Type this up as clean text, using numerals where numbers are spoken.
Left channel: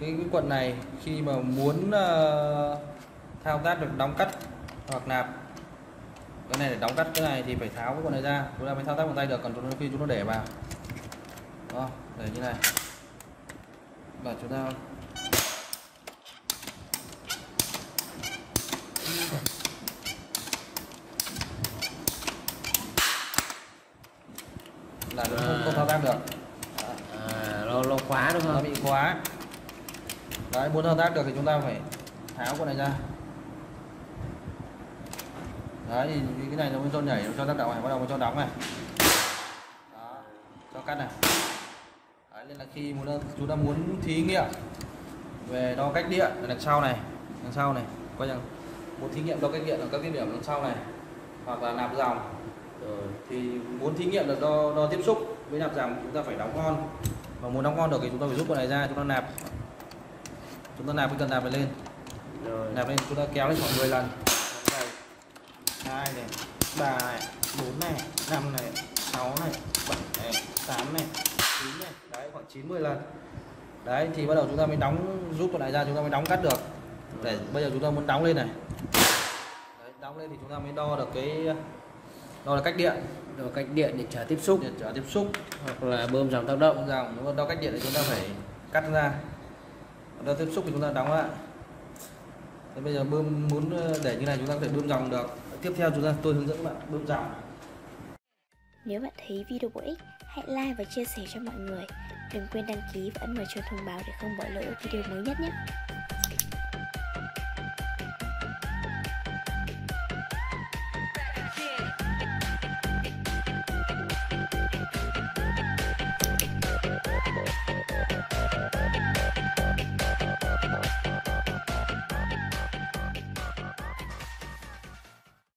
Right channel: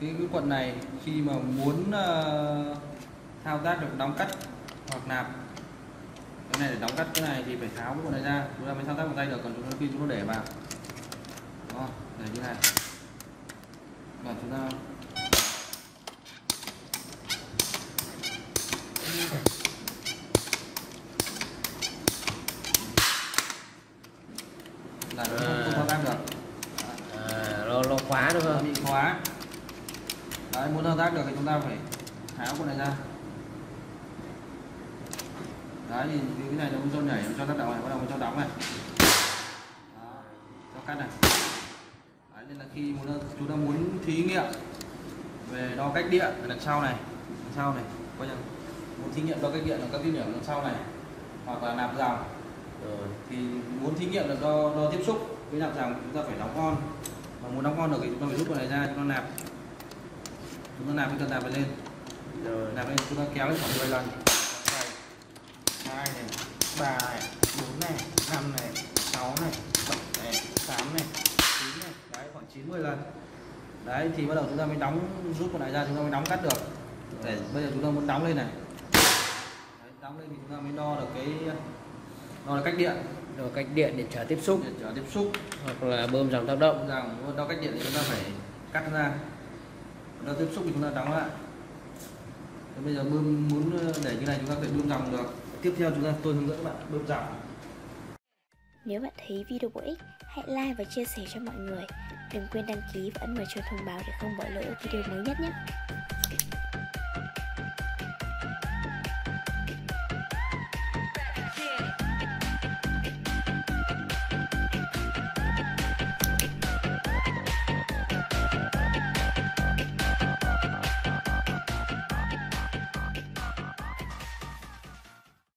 cái quận này khi mà muốn thao tác được đóng cắt hoặc nạp cái này để đóng cắt cái này thì phải tháo cái quận này ra, chúng ta mới thao tác bằng tay được. Còn khi chúng ta để vào đó, để như này và chúng ta là nó không thao tác được. Nó khóa đúng không? Nó bị khóa. Đấy, muốn thao tác được thì chúng ta phải tháo con này ra. Đấy, thì cái này nó cho nhảy, cho tác động này, bắt đầu cho đóng này. Đó, cho cắt này. Đấy, nên là khi chúng ta muốn thí nghiệm về đo cách điện đằng sau này, coi rằng muốn thí nghiệm đo cách điện ở các cái điểm đằng sau này, hoặc là nạp dòng. Rồi thì muốn thí nghiệm được đo tiếp xúc với nạp dòng chúng ta phải đóng on. Mà muốn đóng on được thì chúng ta phải rút con này ra, chúng ta nạp cái cần nạp này lên. Rồi nạp lên, chúng ta kéo lên khoảng 10 lần. 2 này, 3 này, 4 này, 5 này, 6 này, 7 này, 8 này, 9 này, đấy khoảng 90 lần. Đấy thì bắt đầu chúng ta mới rút con này ra, chúng ta mới đóng cắt được. Để bây giờ chúng ta muốn đóng lên này. Đấy, đóng lên thì chúng ta mới đo được cách điện. Đo cách điện để trở tiếp xúc. Hoặc là bơm dòng tác động. Đo cách điện thì chúng ta phải cắt ra. Đo tiếp xúc thì chúng ta đóng lại. Thế bây giờ muốn để như này chúng ta phải bơm dòng được. Tiếp theo tôi hướng dẫn các bạn bơm dòng. Nếu bạn thấy video bổ ích, hãy like và chia sẻ cho mọi người. Đừng quên đăng ký và ấn vào chuông thông báo để không bỏ lỡ video mới nhất nhé.